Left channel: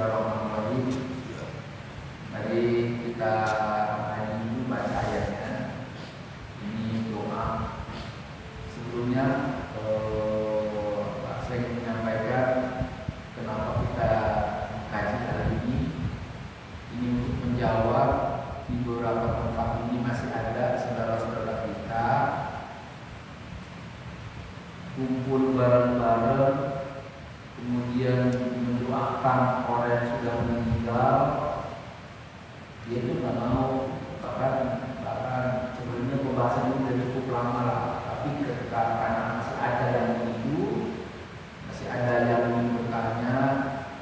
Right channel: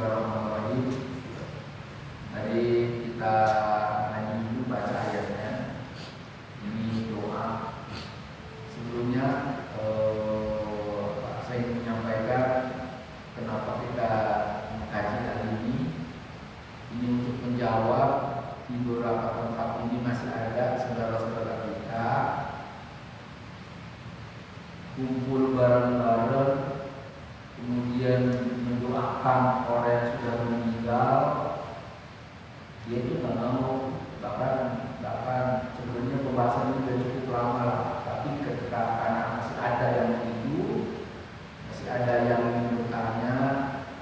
Bismillahirrahmanirrahim. Mari kita ngaji dulu baca ayatnya. Ini doa. Sebelumnya saya ingin menyampaikan kenapa kita mengkaji hal ini. Ini untuk menjawab di beberapa tempat ini masih ada saudara-saudara kita kumpul bareng-bareng, kemudian mendoakan orang yang sudah meninggal. Dia itu nggak mau, bahkan sebelumnya pembahasan ini sudah cukup lama lah. Tapi ketika anak masih ada yang begitu, masih ada yang ingin bertanya,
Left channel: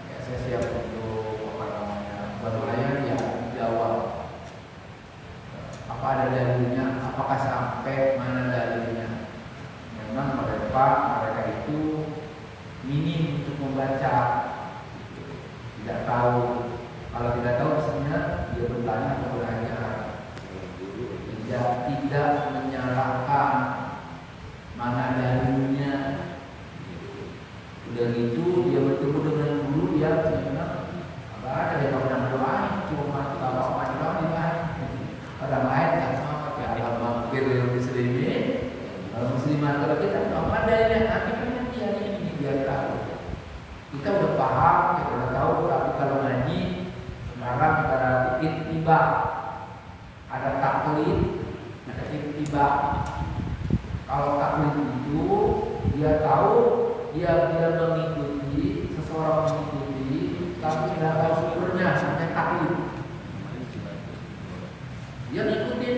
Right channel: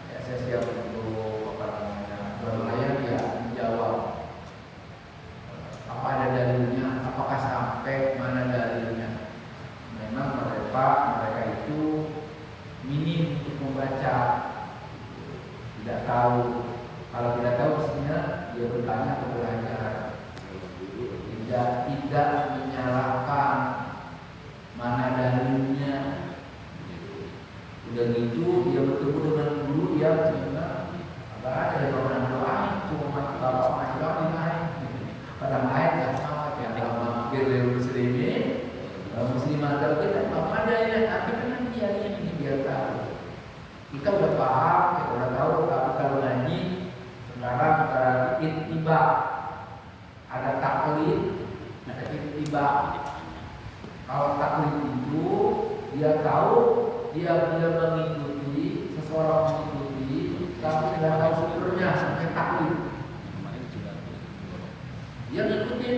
ya saya siap untuk berlayar ya menjawab. Apa ada dalilnya? Apakah sampai mana dalilnya? Memang mereka itu minim untuk membaca, tidak tahu. Kalau tidak tahu maksudnya dia bertanya atau belajar. Tidak menyalahkan mana dalilnya. Udah gitu dia bertemu dengan guru yang memang nggak ada yang pernah doain, cuma bapak doang dimain. Pada main ya mampir yang muslimin, muslimat kalau kita nggak ada ini, tapi nanti hari ini biar tahu. Kita udah paham, kita udah tahu, tapi kalau ngaji sekarang pada ittiba, ada taklid, ada ittiba. Kalau taklid itu dia tahu, dia mengikuti, seseorang mengikuti, tapi tidak tahu sumbernya, sebenarnya taklid. Dia ngikutin,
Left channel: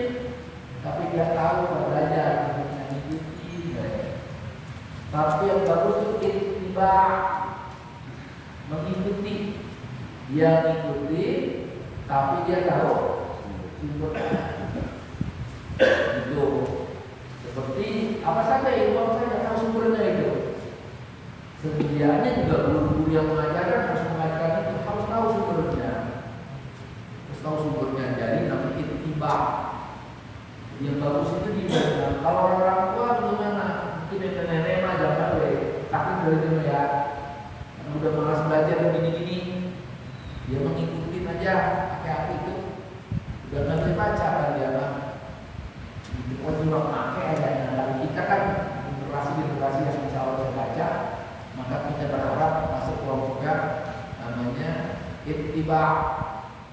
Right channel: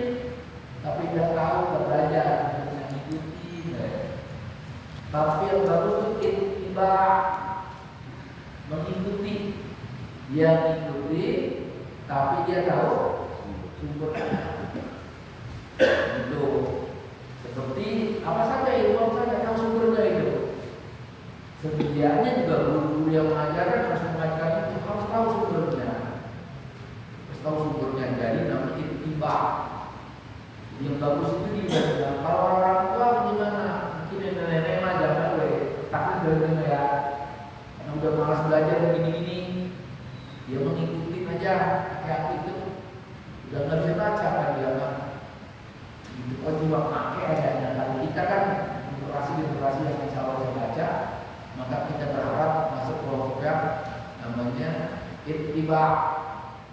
tapi tidak tahu belajar, mengikuti. Tapi yang bagus itu ittiba, mengikuti. Dia mengikuti, tapi dia tahu sumbernya. Itu seperti apa saja itu, saya tahu sumbernya itu. Sedianya juga guru-guru yang mengajarkan harus mengajarkan itu harus tahu sumbernya. Harus tahu sumbernya. Jadi namanya ittiba. Yang bagus itu dibaca. Kalau orang tua gimana? Mungkin nenek-nenek mah jangan boleh. Tapi boleh ya. Karena udah malas belajar begini-gini, dia mengikuti aja pakai apa itu. Udah nggak bisa baca kan dia kan. Itu oh juga pakai aja. Nah, kita kan generasi yang bisa harus baca, maka kita berharap masuk kelompoknya namanya ittiba.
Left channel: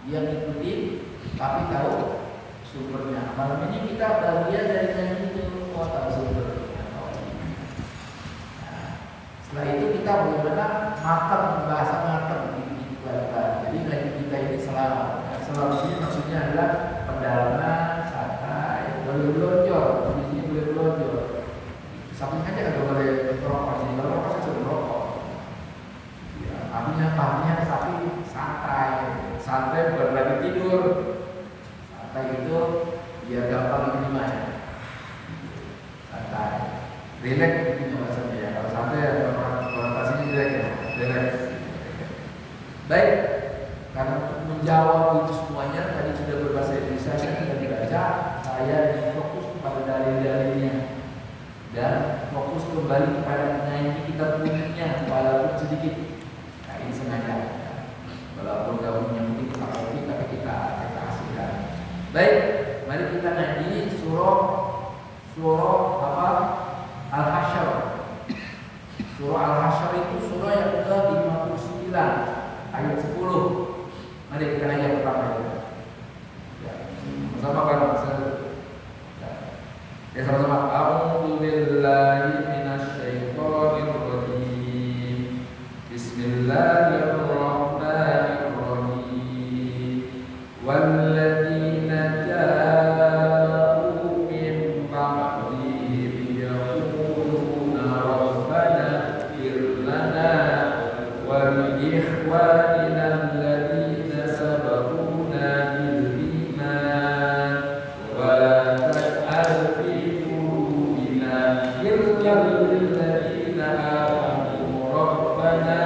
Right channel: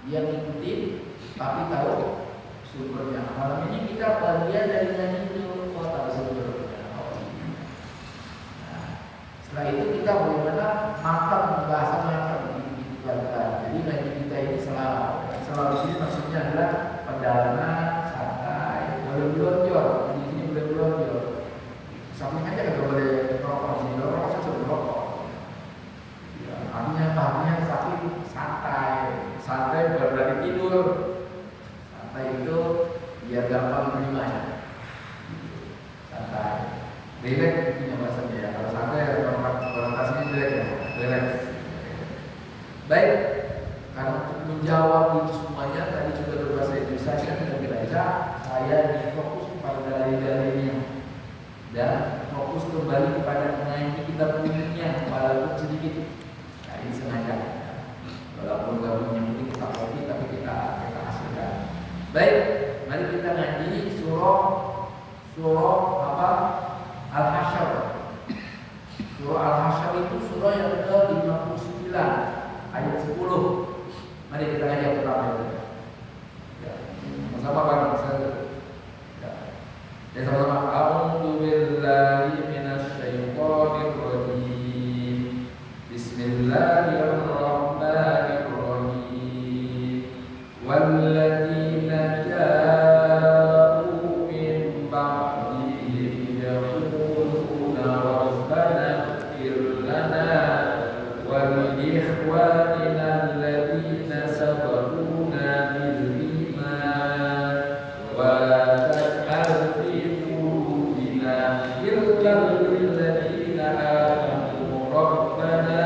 Dia ngikutin tapi tahu sumbernya. Malam ini kita bagian dari nyanyi itu, tahu sumbernya. Nah, setelah itu kita bagaimana matang, bahasa matang dipelajari. Jadi ngaji kita ini selalu sini maksudnya adalah pendalaman, santai, boleh belonjol. Di sini boleh belonjol. Samping aja kagak boleh merokok di sini. Kalau merokok saya sudah merokok. Ya, artinya pahamnya tapi santai bukan berarti tidur. Santai itu biar gampang menerimanya. Santai, relax intinya bahasanya ya. Kalau santai konotasinya jelek ya, relax. Baik, karena untuk menjawab itu semuanya tadi sudah berbahasa Indonesia sudah dibaca. Saya ingin fokus kepada dalil-dalilnya dan fokus kembali kepada ngaji kita punya walaupun sedikit. Nah, ini sengaja. Walaupun gak punya mungkin kita kopi tapi kita hasilkan. Baik, mari kita ngaji surah apa? Al-Hasyr. Surah Al-Hasyr itu surah yang ke-59 ayat 10. Mari kita ngaji yang pertama itu. Ya, sama-sama bareng ya, sama-sama. A'udzu billahi minasyaitonir rajim. Bismillahirrahmanirrahim. Walladzina ja'u min ba'dihim yaquluna rabbana ighfir lana wa li ikhwanina alladzina sabaquna bil iman wa la taj'al fi qulubina ghillan lil ladzina amanu rabbana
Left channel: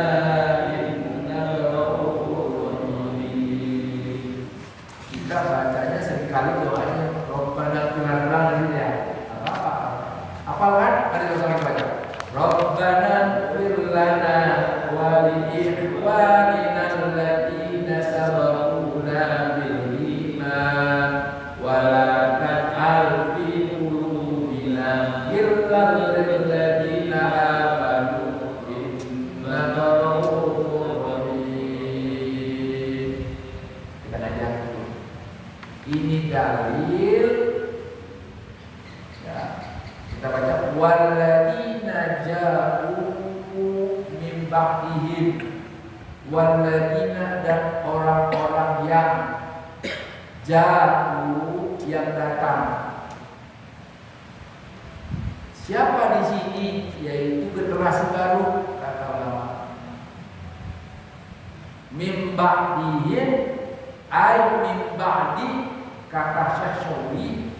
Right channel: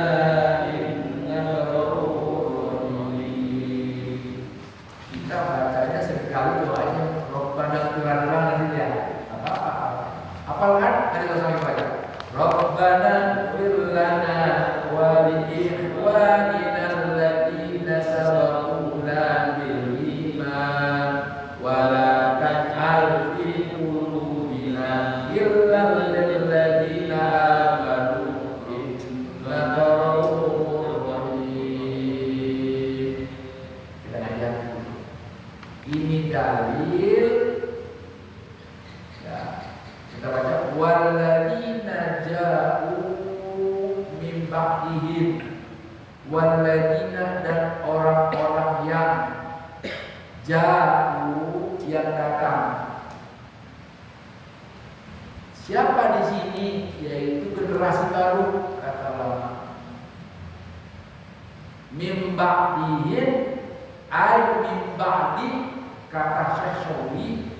innaka ra'ufur rahim. Kita bacanya seringkali doanya Rabbana ighfir lana gitu ya. Apa kan? Mari sama kita baca. Rabbana ighfir lana wa li ikhwanina dalil ya. Kita baca walladzina ja'u min ba'dihim, walladzina dan orang-orang yang ja'u yang datang. Siapa di sini? Yaitu generasi baru, kata ulama. Min ba'dihim ay min ba'di, kata Syahsyawi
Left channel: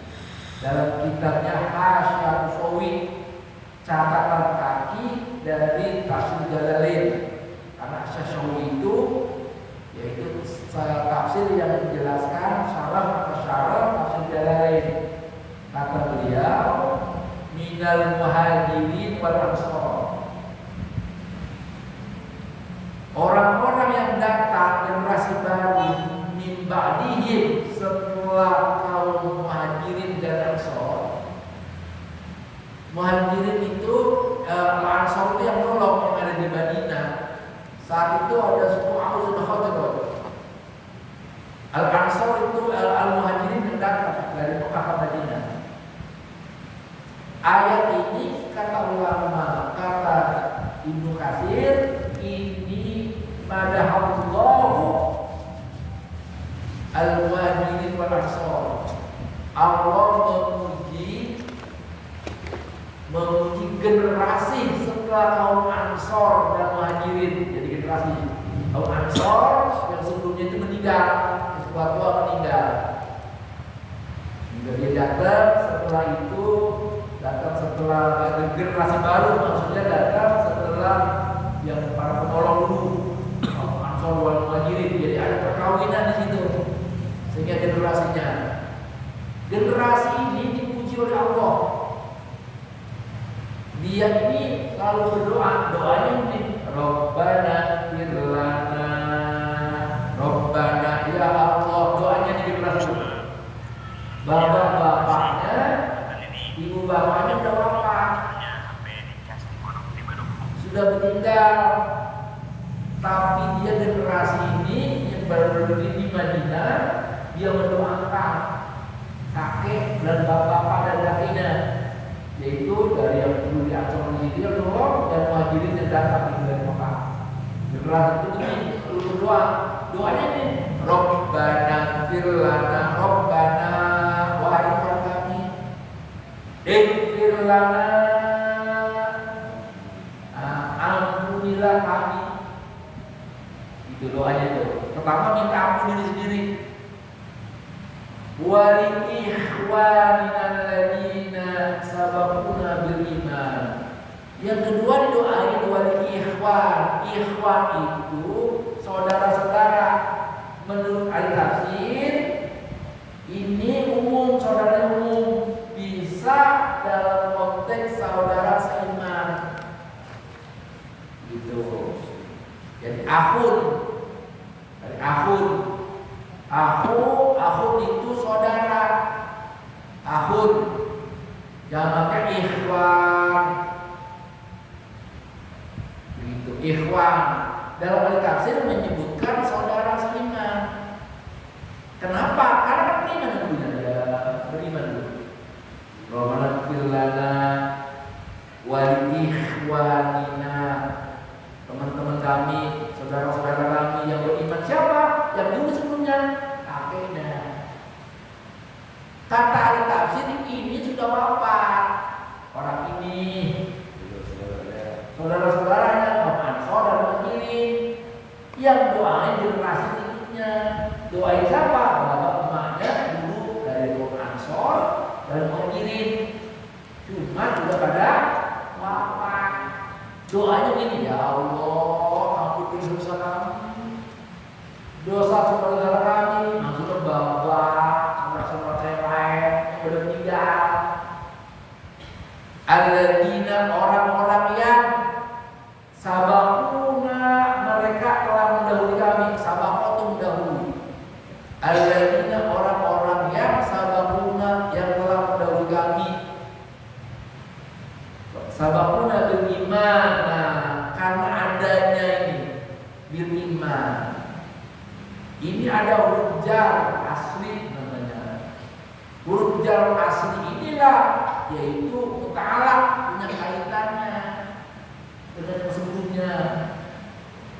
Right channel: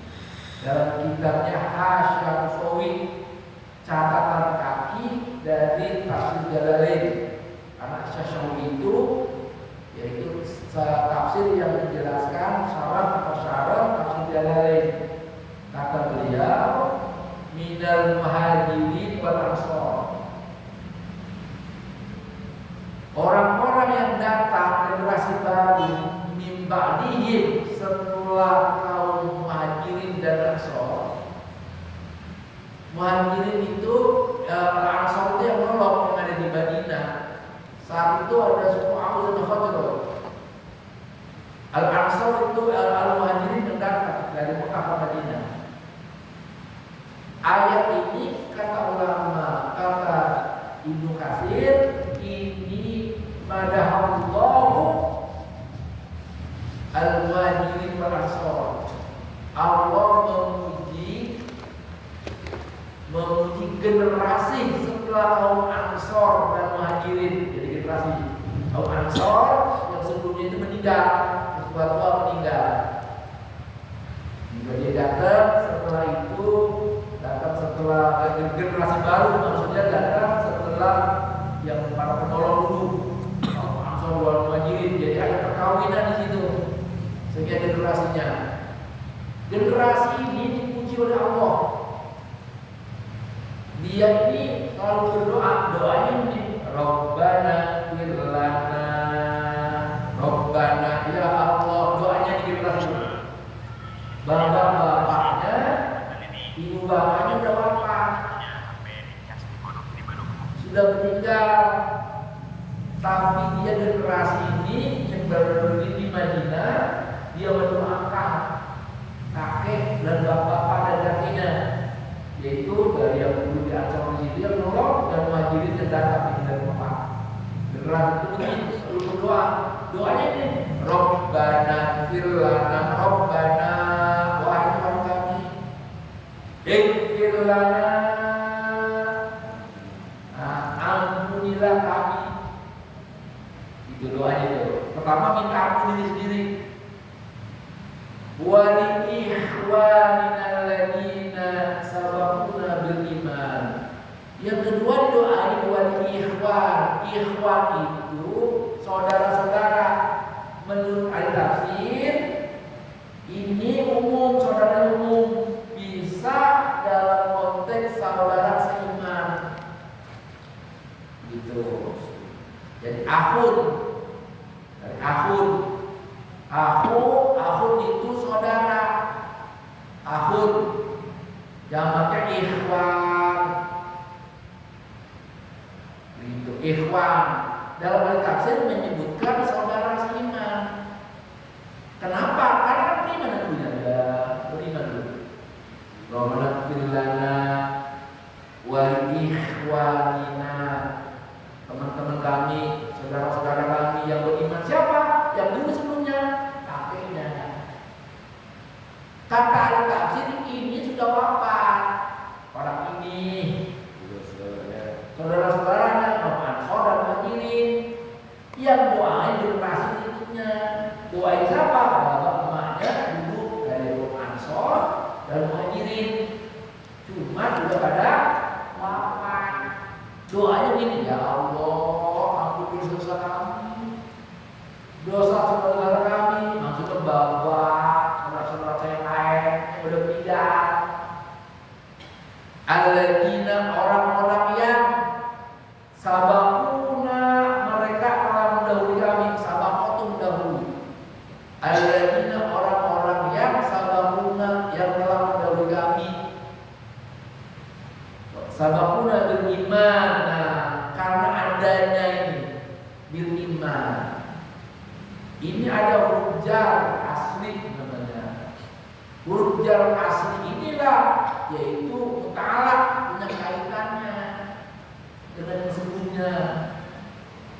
dalam kitabnya Hasyah Usawi, catatan kaki dari Tafsir Jalalain. Karena Syahsyawi itu yaitu tafsir yang menjelaskan syarah Tafsir Jalalain. Kata beliau, minal muhajirin wal ansor, orang-orang yang datang generasi baru min ba'dihim, setelah kaum muhajirin dan ansor. Muhajirin itu ansor itu yang nolong, yang ada di Madinah. Saat itu ada suku Aus dan Khazraj. Al-Ansor itu al-muhajirin yang datang dari Mekah ke Madinah. Ayat ini kata ulama, kata Ibnu Katsir, ini madahallahu al-muhajirin wal ansor. Allah memuji generasi setelah kaum Ansor dan Muhajirin. Jadi generasi kaum Ansor yang sebelumnya itu meninggal, setelah tua meninggal. Dia datang setelah itu, datang setelah generasi baru, maksudnya datang setelah yang para penolong dulu, Ansor wal Muhajirin. Jadi ada perkawinan di situ, sehingga generasi ini dipuji oleh Allah. Dia ini selalu berdoa, doanya ini Rabbana firlana, Rabbana ya Allah, doanya di generasi bapak-bapaknya, ibu bapaknya udah wafat, sudah meninggal, tapi dia generasi ini yang berdiri di Madinah, dia mendoakan kakek dan bapak dan kakeknya, yaitu dari yang dulu di Ansor di situ yang nolong dan Muhajirin yang datang dari Mekah. Generasi itu ini berdoa, doanya ini Rabbana firlana, Rabbana wahai Tuhan kami, firlana, ampunilah kami. Itu doanya itu. Pertama minta ampun diri sendiri. Wali ikhwanina alladziina sabaquna bil iman. Yang kedua didoain wali ikhwan. Ikhwan itu saudara-saudara. Menurut ahli tafsir ini umum, saudara umum, bisa dalam konteks saudara seiman. Gitu. Jadi akhun, dari akhun. Akhun itu saudara. Akhun jamaknya ikhwan. Begitu, ikhwan. Dalam ahli tafsir menyebutkan saudara seiman. Kenapa? Karena kan beriman dulunya, ya beriman dulu. Rabbana ighfir lana wa li ikhwanina, teman-teman kami, saudara-saudara kami yang beriman. Siapa? Yang dulu sebelumnya. Kata ahli tafsir ini sudah wafat orang ini, saudara-saudaranya Ansor dan Muhajirin, yang doain generasi berikutnya. Doain siapa? Bapak emaknya dulu dari Ansor dan Muhajirin, cuma sudah pada wafat. Doanya gini, ya Allah, ampuni dosa kami, dosa saudara kami, maksudnya bapak, saudara-saudara saya lain yang sudah meninggal. Alladzina, orang-orang yang sabaquna, mereka telah mendahului kami. Sabaqatu mendahului. Alladzina, orang-orang yang sabaquna, yang telah mendahului kami. Sabaquna bil iman. Nah, karena adanya ini bil iman, ini ada hujjah asli namanya. Huruf jar asli inilah yaitu mutalak, punya kaitannya dengan yang sebelumnya.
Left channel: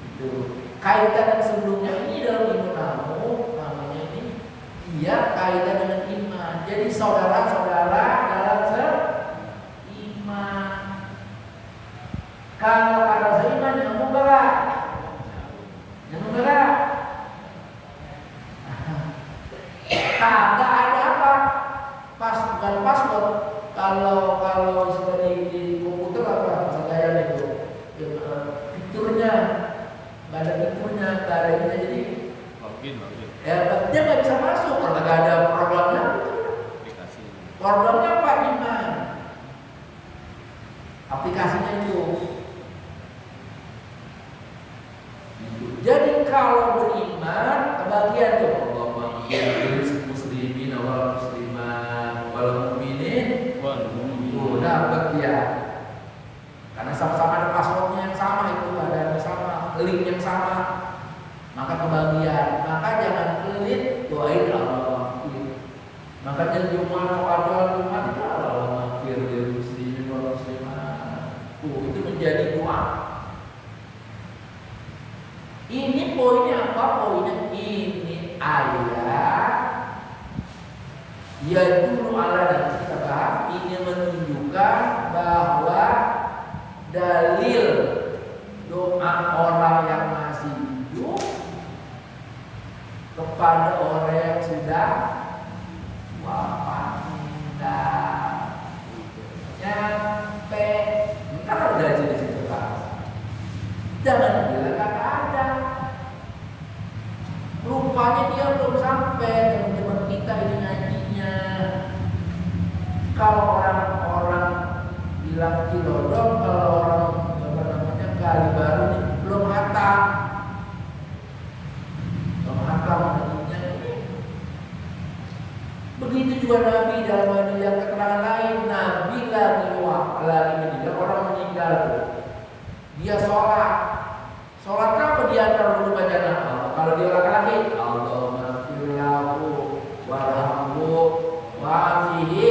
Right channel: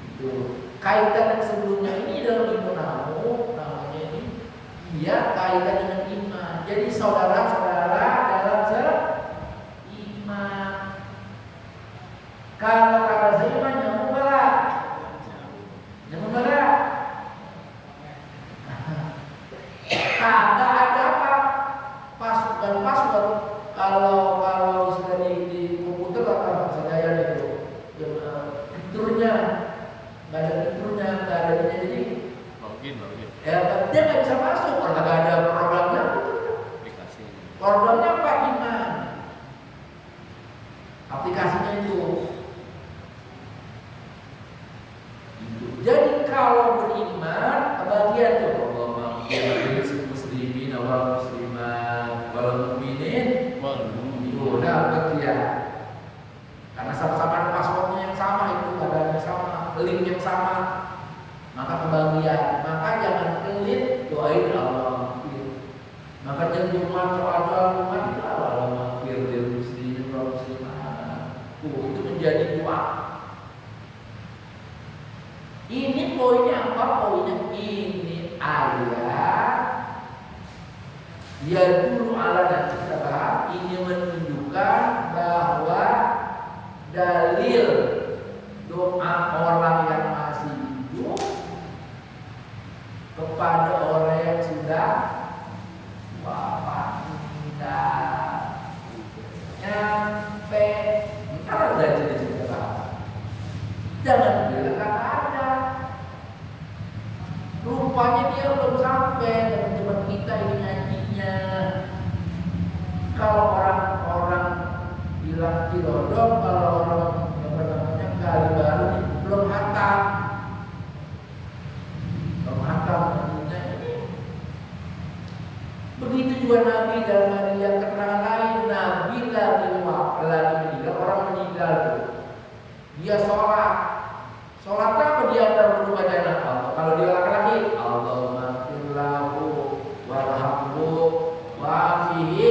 Itu kaitan yang sebelumnya ini dalam ilmu nahu namanya ini dia kaitan dengan iman. Jadi saudara-saudara dalam seiman. Kalau kata seiman nyambung enggak? Nyambung enggak? Kagak ada apa? Bukan password. Kalau sudah di komputer apa segala itu, fiturnya nggak ada fiturnya, nggak ada ininya, jadi login. Ya dia nggak bisa masuk kalau nggak ada programnya. Programnya apa? Iman. Aplikasinya itu. Jadi kalau beriman kebagian tuh Allahumma ighfir muslimin wal muslimat wal mu'minin wal mu'minat. Dapat ya. Karena sama-sama ada passwordnya yang sama, itu ada yang sama, link yang sama, maka kebagian. Maka jangan pelit doain Allah. Maka jangan Jumat soal doa Jumat itu Allahumma ighfir muslimin wal muslimat. Itu menjadi doa. Ini poinnya apa? Poinnya ini ayat ya dulu ala dan kita bahas ini menunjukkan bahwa dalil doa orang yang masih hidup kepada orang yang sudah wafat nyampe ntar ada jenis kita bahas. Jangan bilang kata ada. Rupanya dia belum sampai teman-teman kita ini ngajinya. Kalau orang-orang bilang Cilodong, kalau orang apa namanya Kali Baru nih belum hatam. Belum hatam ngajinya ini. Begitu juga Nabi dalam hadis yang keterangan lain, Nabi lagi meninggal, orang meninggal tuh. Dia sholat apa di antara dulu bacaan Allah? Kalau dia laki-laki, Allahumma firlahu warhamhu wa'afihi.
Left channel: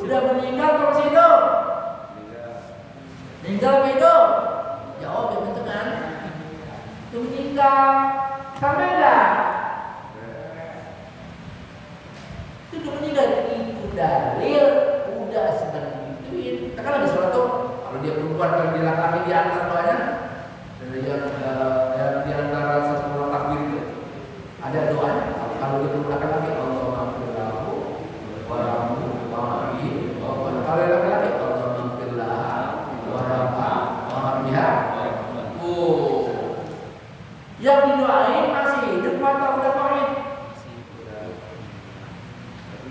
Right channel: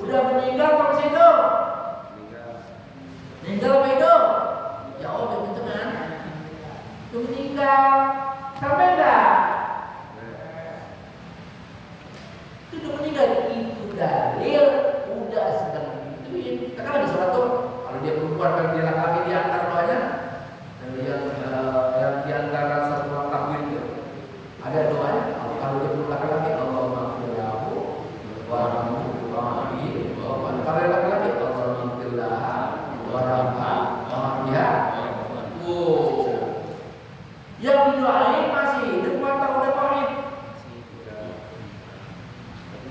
Udah meninggal atau masih hidup? Meninggal apa hidup? Jawab yang pencengan. Itu meninggal. Sampai enggak? Itu udah meninggal. Itu dalil. Udah sedang digituin. Kita kan lagi sholat tuh. Kalau dia perempuan, kalau dia laki-laki di antara doanya yang di antara 10 takbir itu ada doanya. Kalau dia perlu laki-laki Allahumma firlahu warhamhu wa'afihi. Kalau laki-laki Allahumma firlahu warhamhu wa'afiha. Yang didoain masih hidup atau udah mati?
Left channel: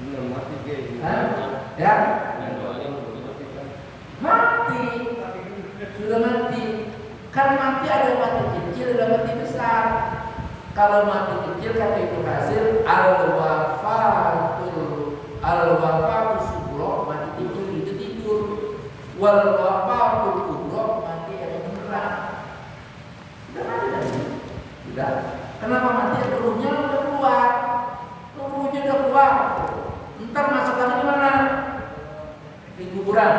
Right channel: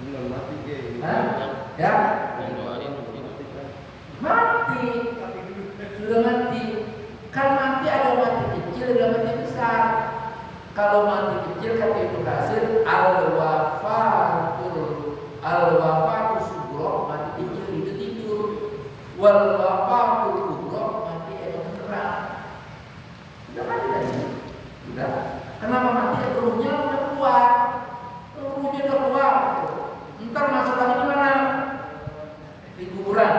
Belum mati ya? Mati. Sudah mati. Kan mati ada mati kecil, ada mati besar. Kalau mati kecil kata Ibnu Katsir al-wafatu sughra, mati kecil itu tidur. Wal wafatu kubra, mati yang beneran. Sudah mati tadi. Sudah. Kenapa mati? Ruhnya udah keluar. Ruhnya udah keluar. Ntar masuk lagi di mana? Di kuburan.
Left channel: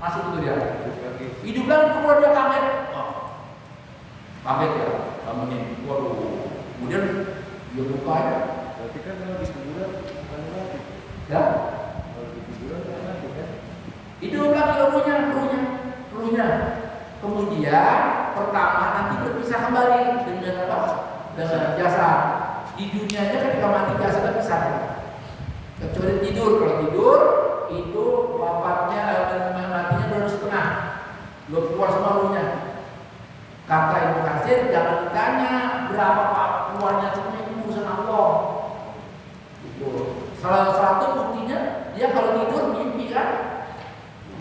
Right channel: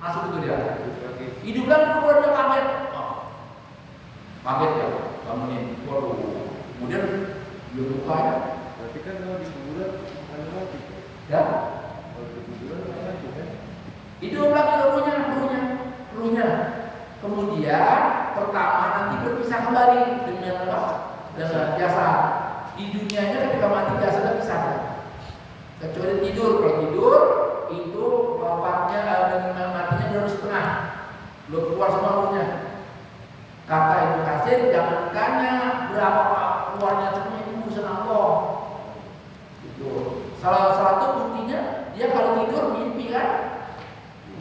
Masuk itu dia. Hidup lagi di kuburan, dia kaget. Kaget ya, bangunin. Waduh. Kemudian dia buka aja. Berarti kan kalau di kuburan bukan mati. Ya. Kalau di kuburan kan mati kan? Hidup lagi ruhnya. Kemudian pertama nanti berpisah kembali dengan apa? Dengan jasad. Di dunianya ketika mati jasadnya pisah. Kecuali tidur. Kalau tidur itu wafatnya matinya 2,5. Belum keluar semua ruhnya. Kata Ibnu Katsir, jangan ditanya berapa pak keluarnya, semuanya itu urusan Allah. Itu salah satu buktinya dia kalau tidur mimpi kan,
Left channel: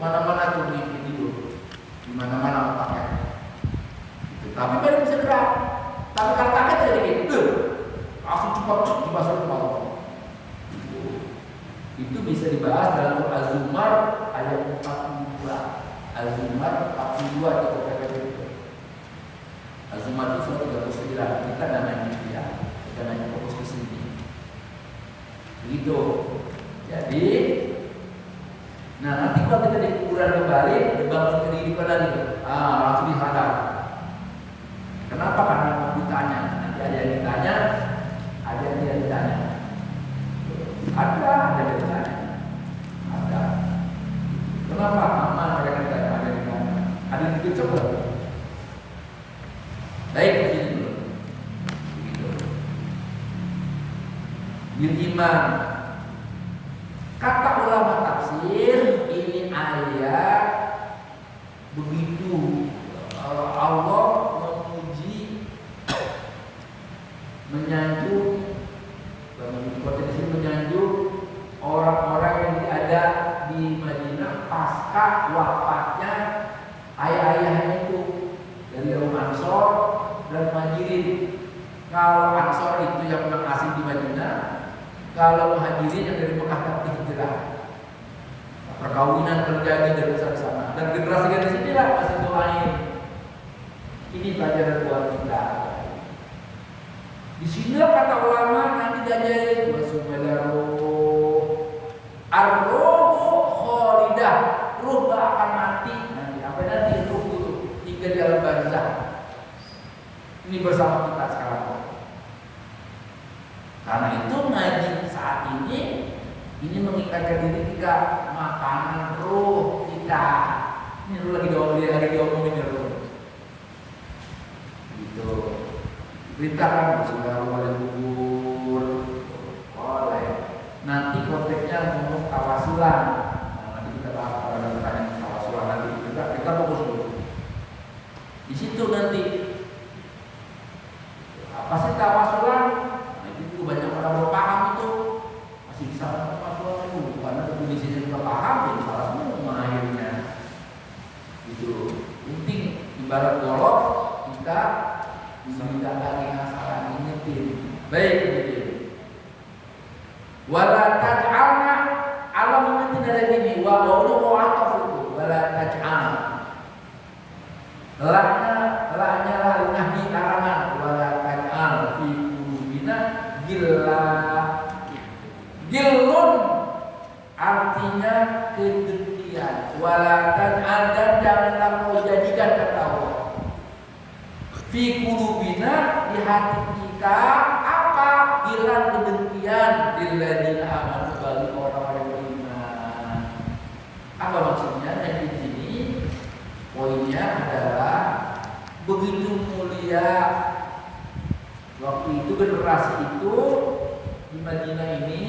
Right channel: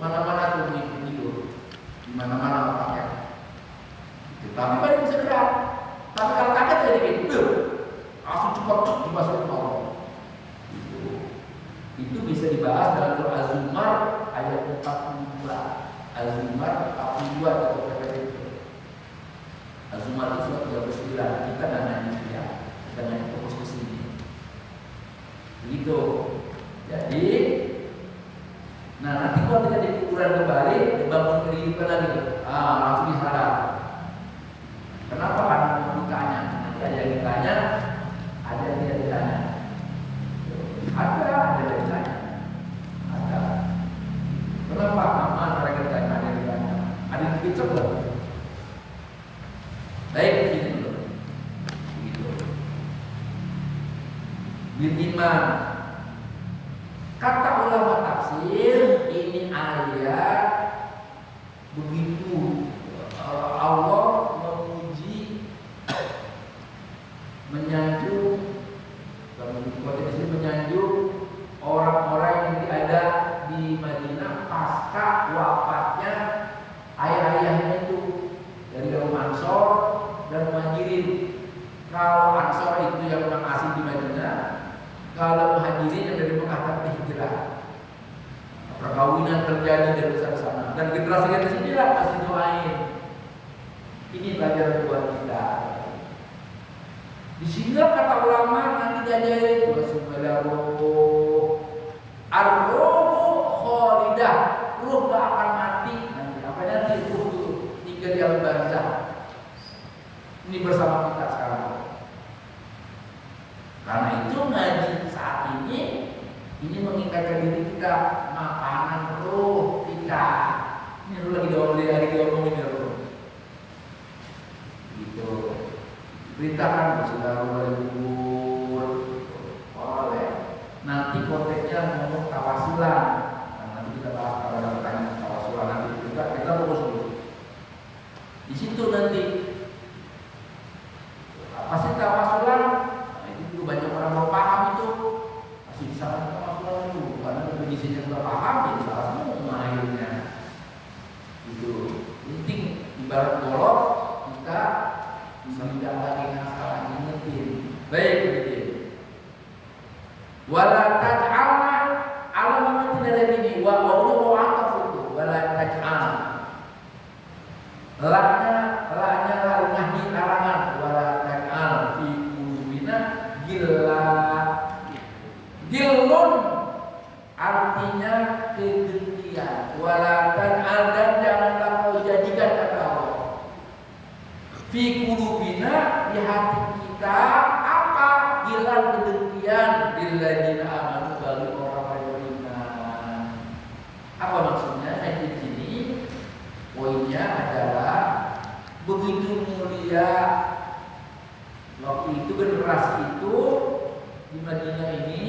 mana-mana tuh mimpi tidur, di mana-mana otaknya. Tapi baru bisa gerak. Tapi kalau kaget aja dikit, langsung cepat dimasukin ke Allah. Itu bisa dibahas dalam Surah Az-Zumar ayat 42. Az-Zumar 42 atau Az-Zumar itu surat 39. Kita nggak ngaji ya, kita ngaji fokus ke sini. Begitu. bil iman. Kata ulama tafsir, ini ayat begitu Allah memuji, menyanjung, menyanjung orang-orang yang ada di Madinah pasca wafatnya ayah-ayahnya itu dari kaum Ansor dan Muhajirin. Kalau Ansor itu yang memang asli di Madinah, kalau Muhajirin yang dari Mekah tapi hijrah. Perkawinan terjadi dari sana dan generasi di sinilah masih doain. Ini pelajaran buat kita. Di sini kata ulama nanti diajarin wasumadaru ar-ruhu khalidah, ruh gak akan mati nanti. Apa nanti ruh itu tinggal di alam barzah. Ini bersama kita sekarang. Karena itu ngaji saat ini mengikatkan diri kita, makanan ruh kita. Ini ruh lagi diomongin ruh. Gitu. Beritakan Bismillahirrahmanirrahim. Boleh. Nanti konteksnya ngomong tawasulan. Nanti kita bahas pada pertanyaan tawasulan nanti. Kita fokus dulu. Di situ nanti apa sih tawasulan? Nah, itu juga banyak orang belum paham itu. Masih bisa tawasulan dulu karena definisinya belum paham jadi salah semua akhirnya. Gitu. Penting ibarat golok kita tidak lagi masalah ingetin. Baik begitu. Wala taj'alna alam ingetin ada gini wa qawlu mu'attaf itu wala taj'al. Lanya nahyi larangan wala taj'al fi qulubina gillun artinya kedengkian. Wala taj'al dan janganlah kau jadikan kata Allah fi qulubina di hati kita apa hilang kedengkian lilladzina amanu bagi orang-orang yang beriman. Apa maksudnya? Yang di sini poinnya adalah begitu mulia waktu itu generasi itu di Madinah ini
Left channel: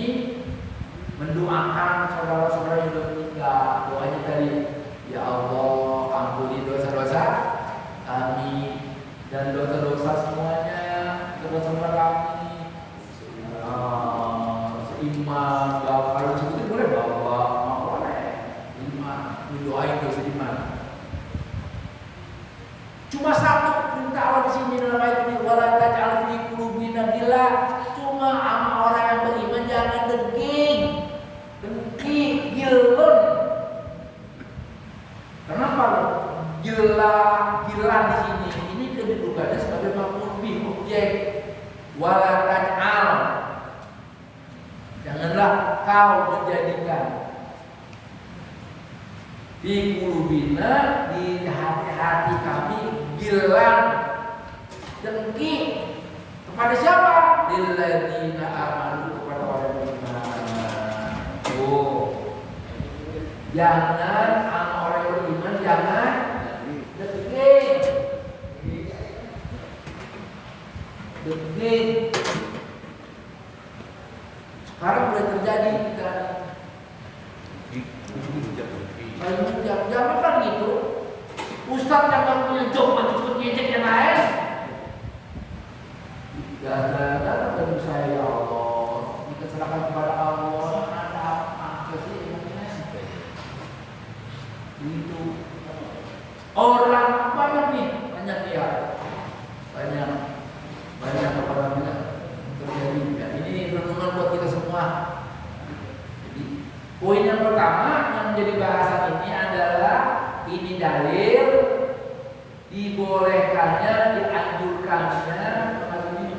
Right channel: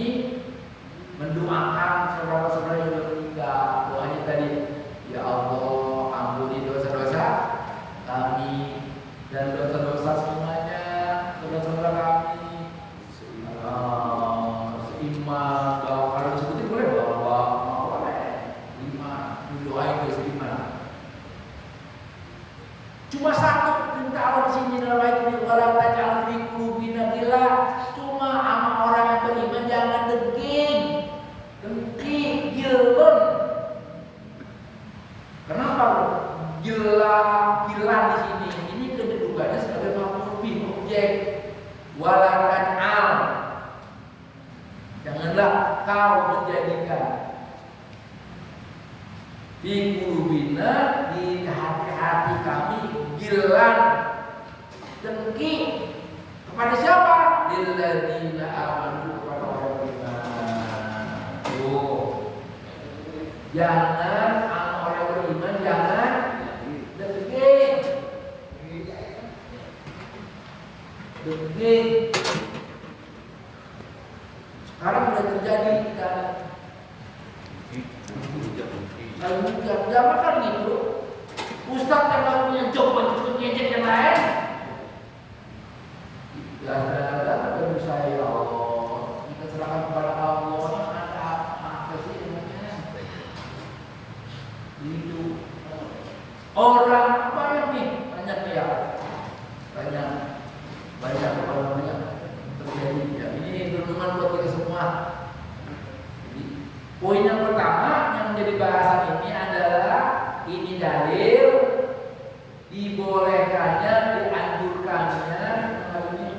mendoakan saudara-saudara yang sudah meninggal. Doanya tadi, ya Allah ampuni dosa-dosa kami dan dosa-dosa semuanya, saudara-saudara kami, seiman, bahwa kalau disebutin boleh bahwa boleh, iman, doain dosa iman. Cuma satu perintah Allah di sini dalam ayat ini, wala taj'al fi qulubina ghillah. Cuma sama orang yang beriman jangan dengki, gilun. Kenapa? Gila di sini. Ini kedudukannya sebagai maf'ul bih, objek. Wala taj'al. Janganlah kau menjadikan di qulubina, di hati-hati kami, gilan, dengki kepada siapa? Lilladzina amanu, kepada orang beriman. Tuh. Jangan orang beriman jangan dengki. Sekarang mulai terjadi kita jangan kan gitu. Ustadz yang gak punya job ikut ngejek yang lain. Tidak bagi saya ya Allah. Kita serahkan kepada Allah. Ada apa sih ini? Itu orang banyak nih, banyak ya, banyak apa namanya terjadi. Ya, ini renungan buat kita semua. Jadi poin yang pertama yang menjadi bahasan ini adalah ini dalil dibolehkannya, dianjurkannya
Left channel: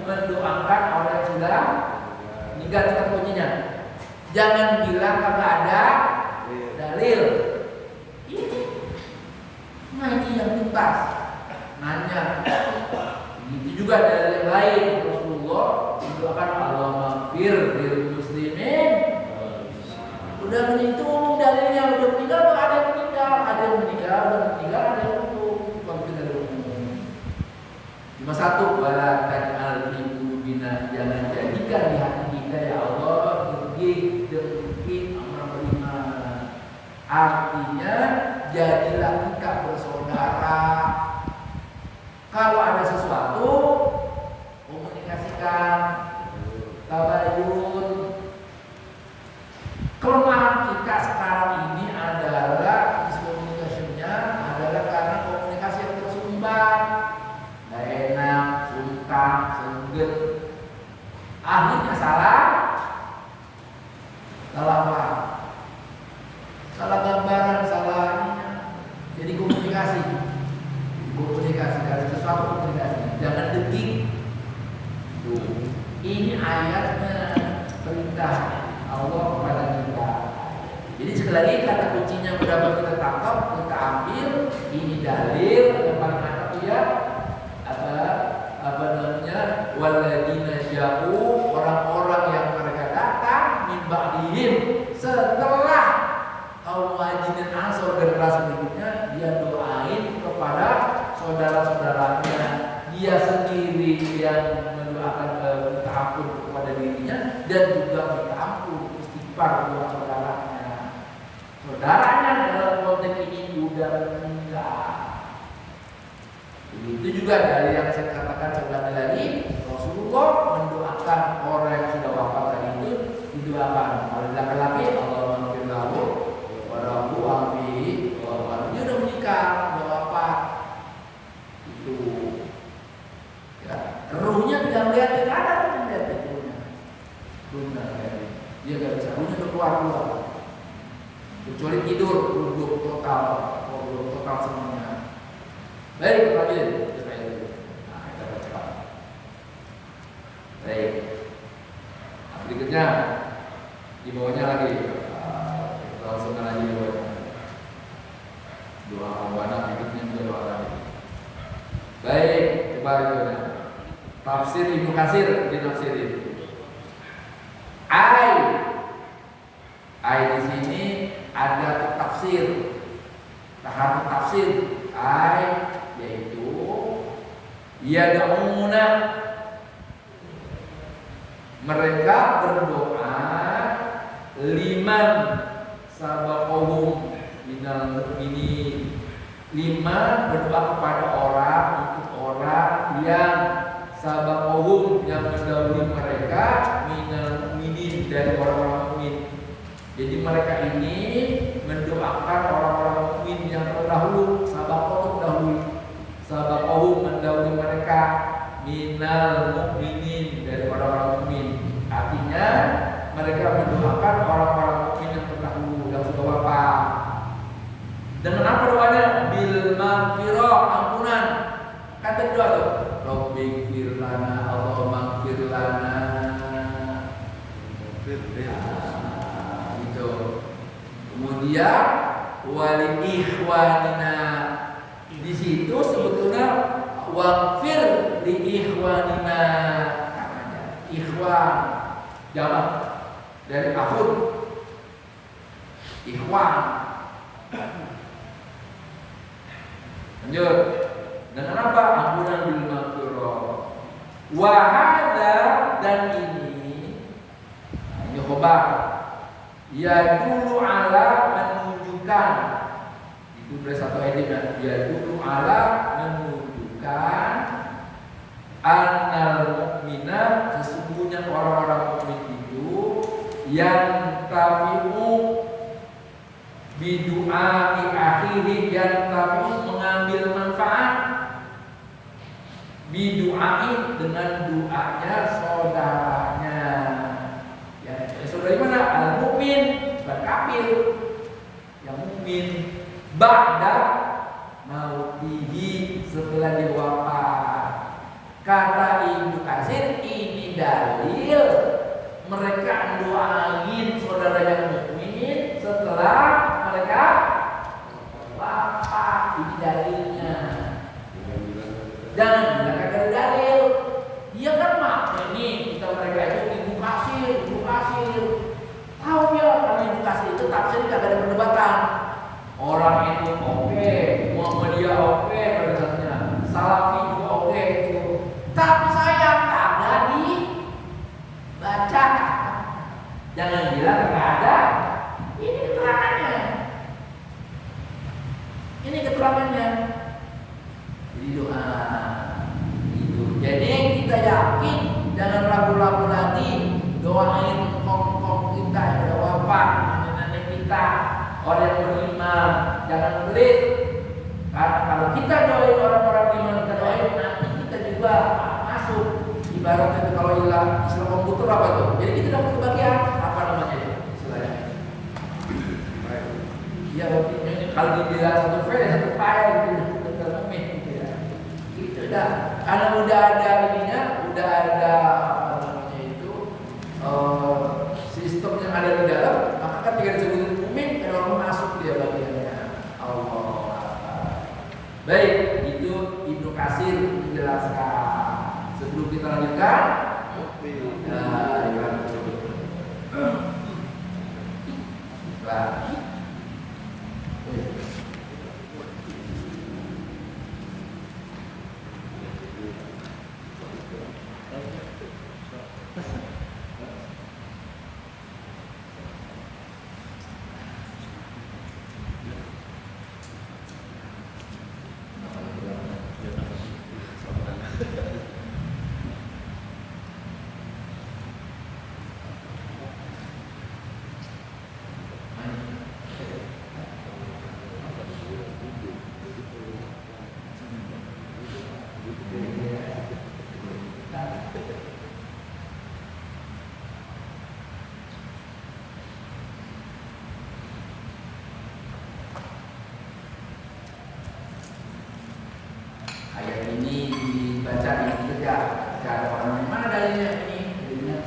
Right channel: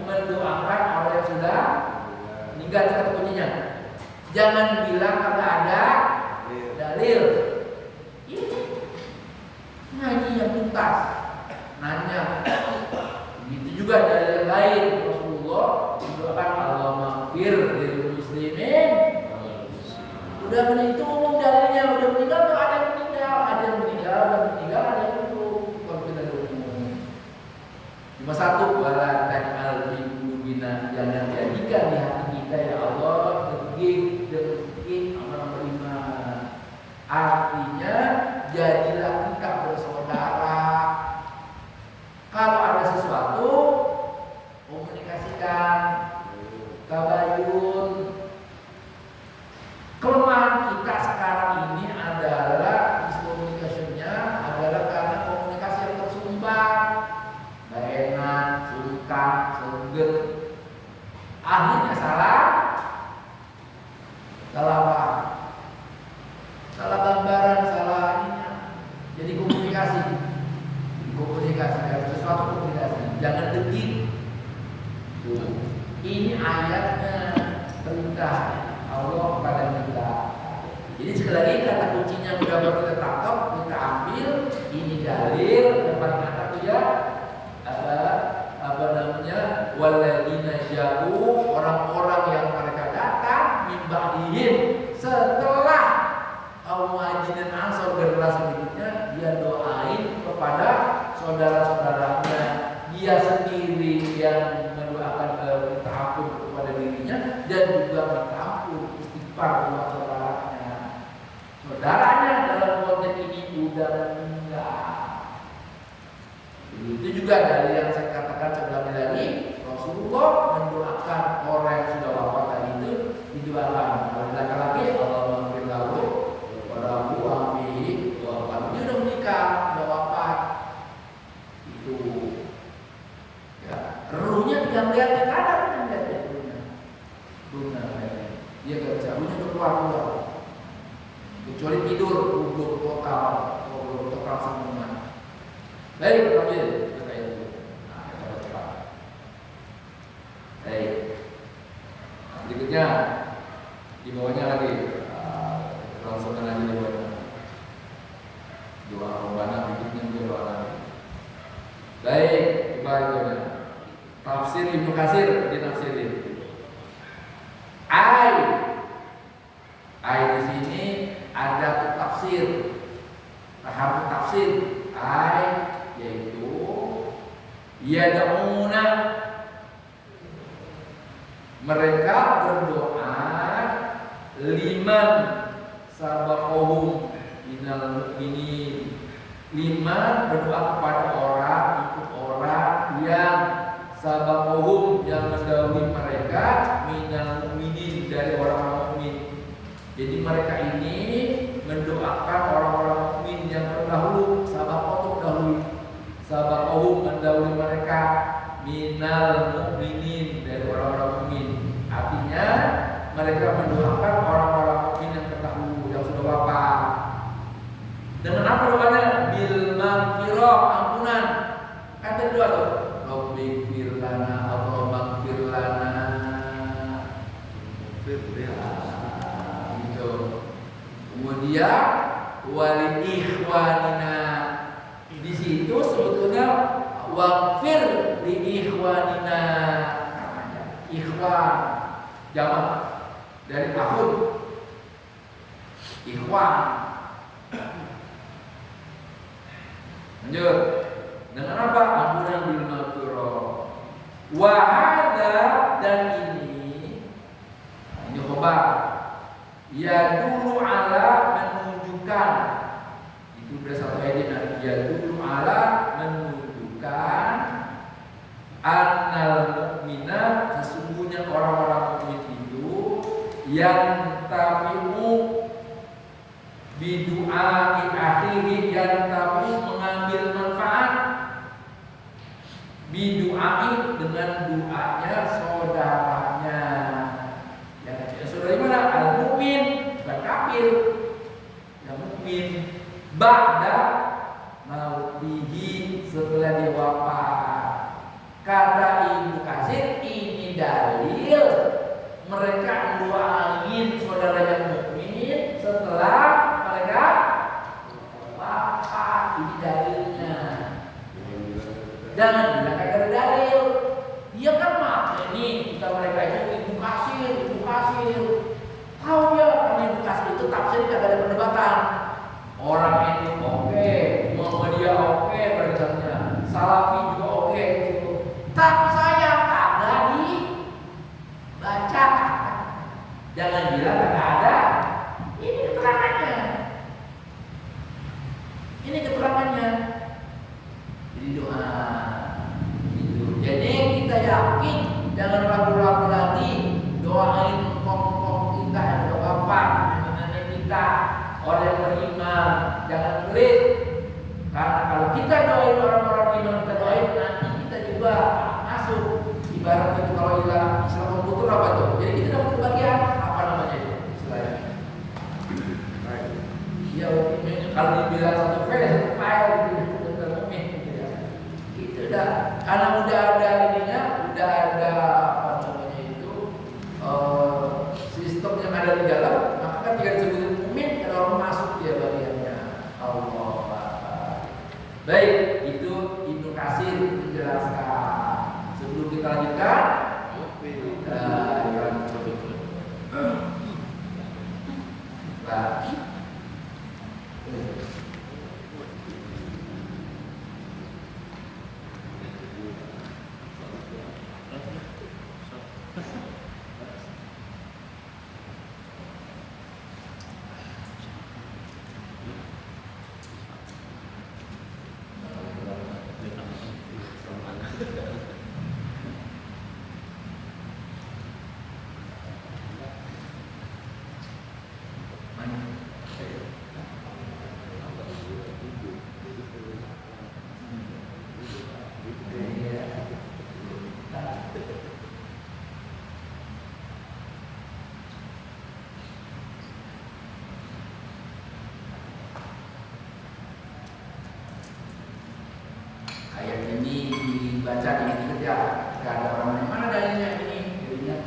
mendoakan orang yang sudah meninggal. Kata kuncinya, jangan bilang kagak ada dalil. Ini ngaji yang tuntas, nanya. Begitu juga dalil yang lain. Rasulullah mendoakan Allah maghfir lil muslimin. Udah itu umum dalilnya, udah meninggal tuh ada yang meninggal, udah meninggal, ada yang umum. Kalau kita umum, cuma satu, wala taj'al fi qulubina, jangan jadikan di hati kita ya Allah jadilah kita bersaudara. Kalau ada sesuatu, komunikasikan, tabayun. Kelemahan kita sekarang ini adalah miscommunication-nya adalah karena komunikasi yang tersumbat, nggak enak, sungkan, sengget. Akhirnya salah apa? Salah gambaran, salah ininya. Jadi komunikasi kalau sesuatu komunikasi, jangan detik. Ini ayatnya perintah Allah kepada kita. Jadi sekali lagi kata kuncinya mudah kita tangkap, kita ambil. Ini dalil yang paling atas itu ya apa namanya, waladina ja'u, orang-orang yang mereka datang min ba'dihim, setelah kaum Muhajirin Ansor generasi berikutnya, dia doain kepada saudara-saudaranya, dia sendiri yang mendoakan minta ampun kepada dirinya dan juga minta ampun istighfar buat saudaranya dalam konteks ini udah meninggal. Begitu juga dari yang saya katakan sebelumnya lagi, Rasulullah mendoakan orang yang sudah wafat tadi itu, didoakan oleh laki-laki, Allahumma ighfir lahu warhamhu wa'afihi wa'fu. Dia udah menikah, udah wafat. Itu ya, ruhnya tidak melihat, tidak ada yang melihat ruhnya. Dia gak bisa, ruhnya udah keluar. Kecuali tidur, belum total semuanya. Baik, lanjut. Nah, kita baca. Baik. Berikutnya di bawahnya lagi, langsung lagi di bawahnya. Doa pembana berikutnya juga doa lagi. Baik, coba itu. Tafsir Ibnu Katsir ditafsirin. Ai di sini ada tafsir, tahap tafsir. Ai yaitu yad'una, mereka berdoa, liman sabaqahum minal mu'minin, liman berdoa kepada orang, untuk orang yang sabaqahum, yang mendahului mereka, minal mu'minin, dari orang-orang mukmin. Jadi mereka ini mendoakan orang-orang mukmin yang terdahulu. Sabaqahum mendahului, sabaqahum mendahului mereka, minal mu'minin, dari orang-orang mukmin. Artinya mereka mendoakan orang-orang mukmin yang terdahulu, yang sudah wafat. Dengan apa doanya? Bil maghfirah, ampunan. Kata doa tuh, Rabbighfir lana, Allahumma ighfir lana. Gitu. Kemudian wali ikhwanina. Di situ sebetulnya waghfir li ikhwanina. Ikhwan jamak dari akhun. Ikhwan. Lanjut. Dengan apa? Ampunan bil maghfirah. Wa hadza, dan ini khobar. Ya dulu ala, menunjukkan. Itu dari satu ayat. Ya dulu ala, menunjukkan annal mukmina, sesungguhnya orang-orang mukmin itu yang tafi'u bidu'ai akhiri, yang tafi'u mengambil manfaat, bidu'ai dengan doanya saudaranya. Yang saudara mana? Al mukmin, bukan kafir. Yang mukmin ba'da mautihi, setelah dia wafat. Kata Ibnu Katsir, ini dalil mereka doain saudara yang mukmin setelah mereka wafat. Ini dalilnya. Jangan bilang kagak ada dalil. Dia kan make nih, kita mereka itu Ibnu Katsir. Tahu ya, karena Ibnu Katsir itu tafsir kagak ada perdebatan. Orang itu oke, Muhammadiyah oke, pada dasarnya Salafi juga oke itu. Tapi saya kagak dibaca. Jangan bilang kagak ada. Ini keterangannya. ibaratnya itu kalau istilah komputer apa tuh? Jadi kita dapat kebagian apa namanya itu istilahnya? Ya, kalau dibilang satu file satu file gitu, gitu ya. Itu udah, karena udah ada ininya, udah ada apa namanya itu sistem yang ada di dalam, maka kan tinggal disebutin mukmin, ada orang masuk dia bagiannya. Allah. Baik, itu Ibnu Katsir menjelaskan. Sebelum kita lanjutkan, ayat ini dibaca dikit-dikit ya. Ketika ada orang yang mana dalilnya ini? Dalilnya.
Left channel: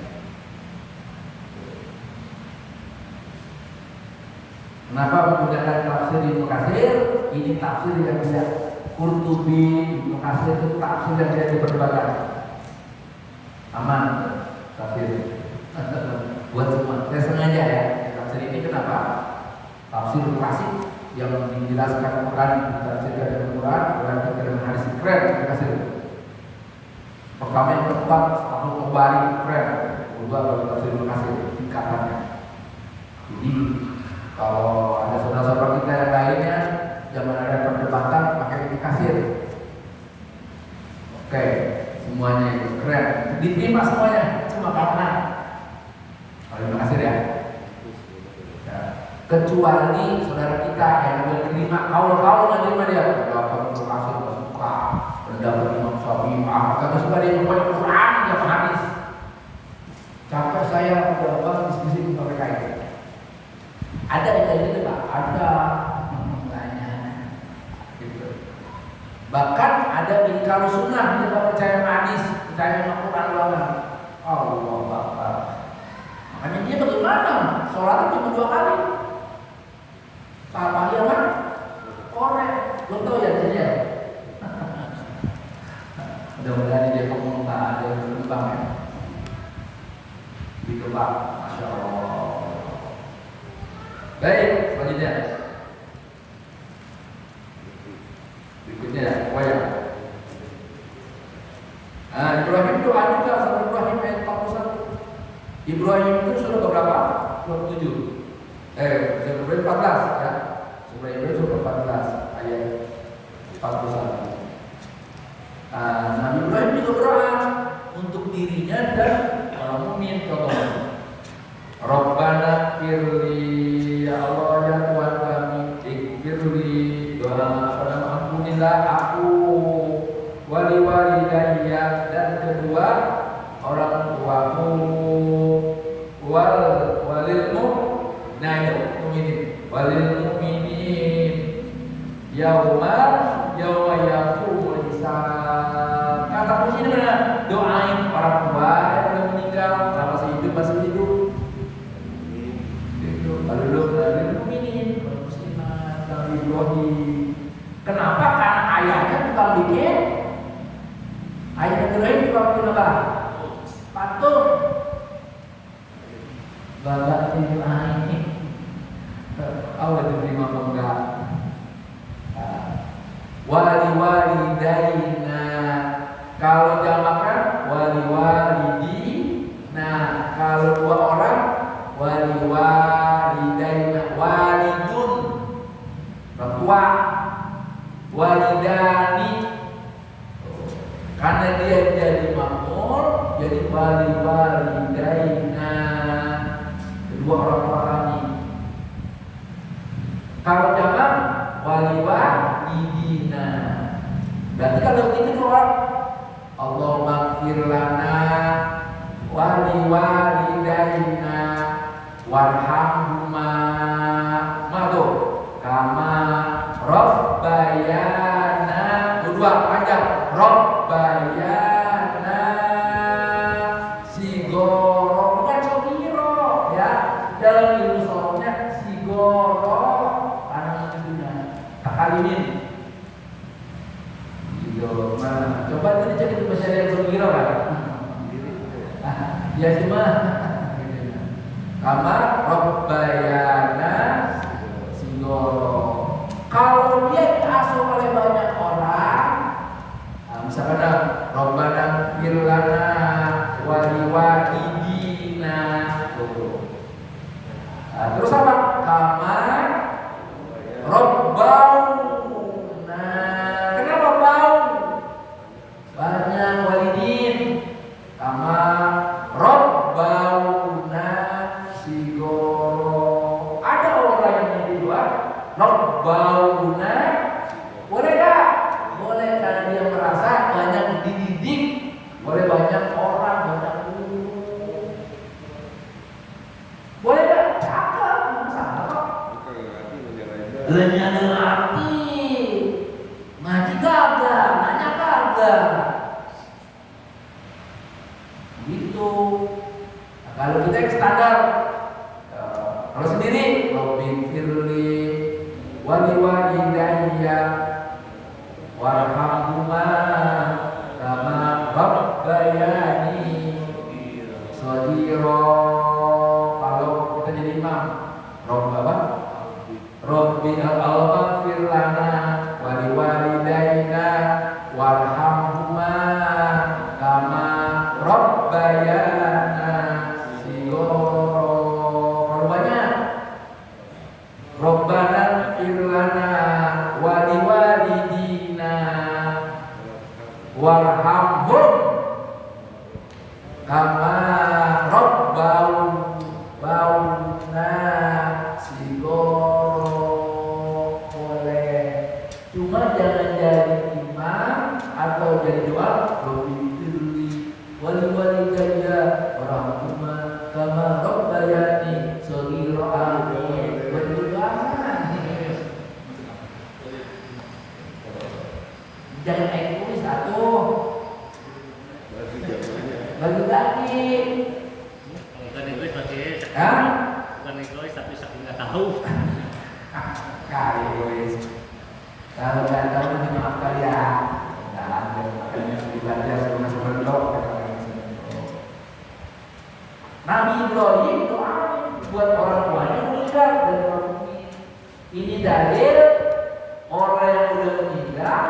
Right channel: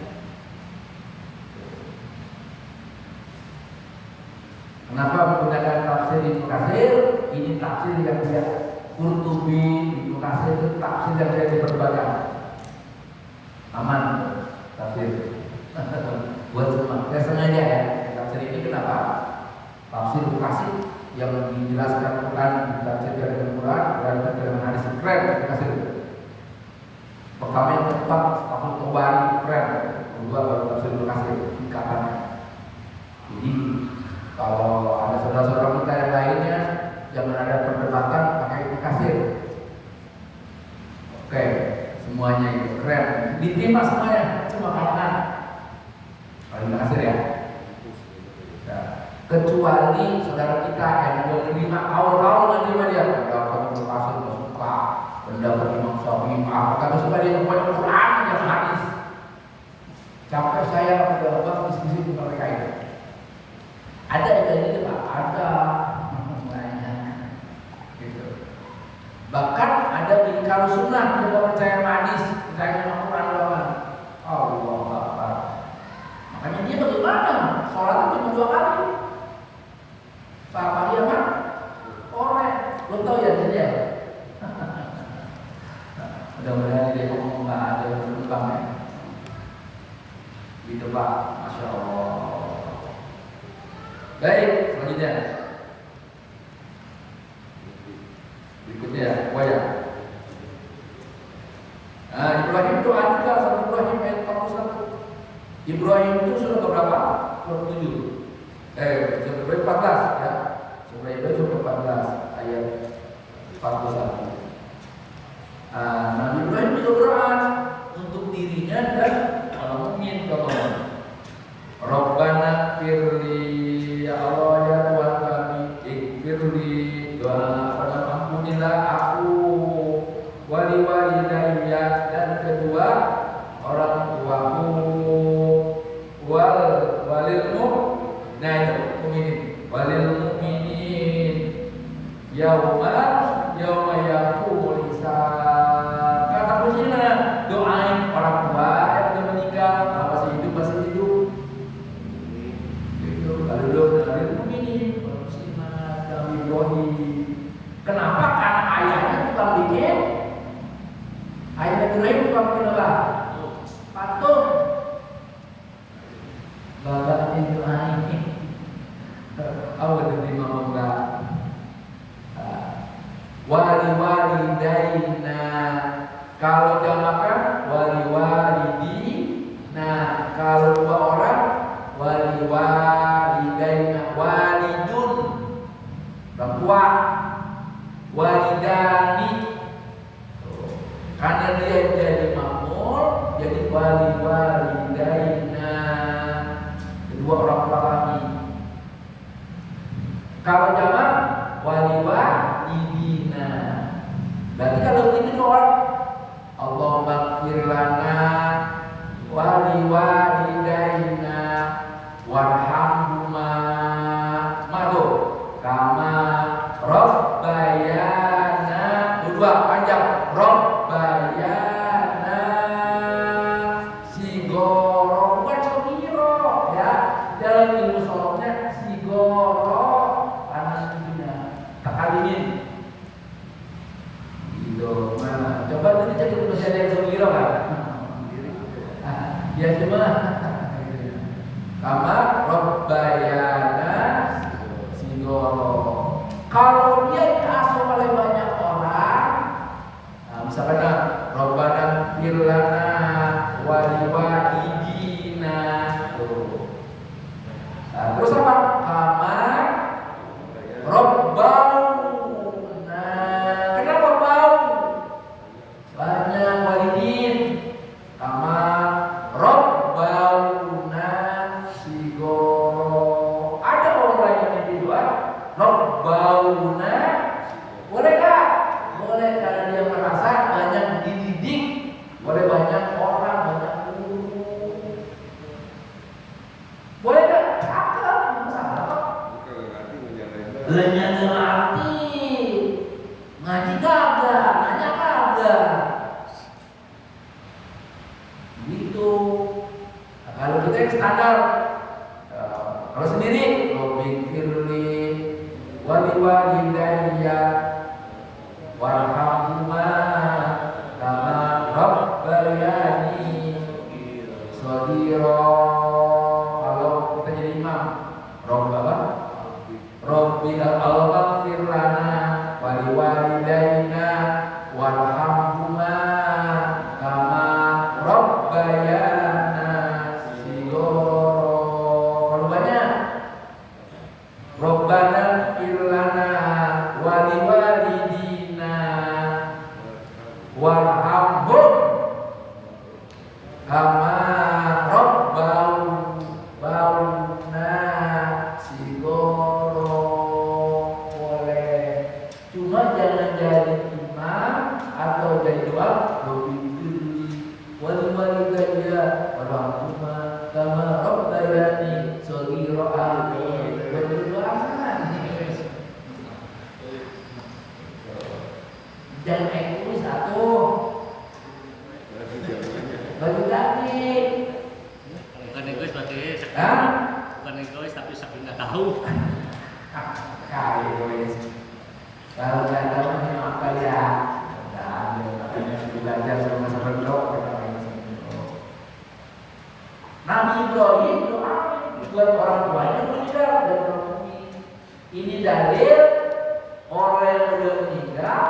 Kenapa menggunakan tafsir Ibnu Katsir? Ini tafsir yang tidak Qurtubi, Ibnu Katsir itu tafsir yang tidak diperbanyak. Aman tafsir. Buat semua. Saya sengaja ya tafsir ini kenapa? Tafsir Ibnu Katsir yang menjelaskan Quran, ditafsirkan dengan Quran, berarti dengan hadis keren kasih. Pertama yang tepat, tahun kembali keren. Kedua baru tafsir kasih tingkatannya. Jadi kalau ada saudara-saudara kita yang lainnya, jangan ada perdebatan pakai kasih. Oke, semuanya itu keren, diterima semuanya, cuma karena. Terima kasih ya. Kecuali saudara kita yang menerima kaul-kaul yang menerima dia, kalau Ibnu Katsir nggak suka, pendapat Imam Syafi'i nggak suka dia pokoknya Quran yang hadis. Capek saya udah banget diskusi dengan mereka itu. Ada yang kayak gitu Pak? Ada banyak. Gitu. Bahkan ada ingkar sunnah dia nggak percaya hadis, percaya sama Quran banget. Allah Akbar. Makanya dia bagaimana? Sholat cuma 2 kali. Apa ya kan? Korek, belum tahu ya jadi ya. Mudah-mudahan dia ngomong tak ada berubah ya. Gitu Pak, Masya Allah. Baik, selanjutnya. Berikutnya, apa ya? Ibrahim doa juga sama Ibrahim ayat 41. Ibrahim itu sudah berapa? Surat 7. Ibrahim 14 ya. Ibrahim surat 14 ayat 41. Nabi Ibrahim juga berdoa untuk dirinya dan mukmin contohnya. Rabbana firli, ya Allah ya Tuhan kami, firli, doa pada ampunilah aku, wali walidayya, dan kedua orang tuaku, walil mu'minin, yauma yaqumul hisab. Kata kunci ini mana? Doain orang tua yang udah meninggal, masih hidup masih hidup. Itu lalu walil mu'minin, muslimat, Nabi Ibrahim. Kenapa? Karena ayahnya tukang bikin. Ayah Nabi Ibrahim tukang bikin apa? Patung. Bapak itu ini. Allah diterima apa enggak? Wali-walidaina, kalau jamakan wali-walidina, kalau 2 orang wali-walidaina, walidun orang tua, walidani, karena dia jadi makmur, jadi wali-walidaina, kedua orang tua kami. Kalau jamak wali-walidina. Berarti kalau ini orang Allahumma ighfir lana waliwalidaina warhamhuma madu kama rabbayana dua panjang rabbayana sigoro bukan sogiro ya dalam ilmu sorongnya sigoro karena itunya takalimin gitu. Nah, coba dulu cek itu masih ada yang sogiro kan ya cuma kama rabbayana sigoro. Kalau dia diasuh oleh banyak orang, nah, misalkan Rabbana firlana waliwalidina tuh. Nah, terus apa? Kama Rabbau. Nah, kenapa bau? Banyak walidin. Kama Rabbauna sigoro. Ada orang yang kedua Rabbauna. Boleh gak? Boleh karena dia merasa banyak dididik oleh banyak orang, banyak guru. Boleh gak? Cakep, masalah. Lenyana ngerti. Ngaji kagak, nanya kagak. Gitu. Nah, kalau kita yang standar, kalau sendiri, Robbi firli waliwalidayya warhamhuma kama rabbayani shaghira. Kalau kita jadi imam, Robbi al-ghafir lana waliwalidayna warhamhuma kama rabbayana shighara. Kalau banyak Rabbana firlana waliwalidina warhamhum kama rabbauna sigoro. Boleh, cuma jangan jadi imam atau jadi doa Rabbi waliwalidayya warhamhuma kama rabbayani shaghira. Jangan egois satu. Bagi lagi. Bukan egois tapi Hah? bukan egois tapi saking nggak tahu. Egois. Kalau nggak tahu nanti maafkan ya. Nah, makanya belajar sama sebelum. Nabi Ibrahim doa buat orang tuanya meninggal dan ini dalil orang yang udah meninggal.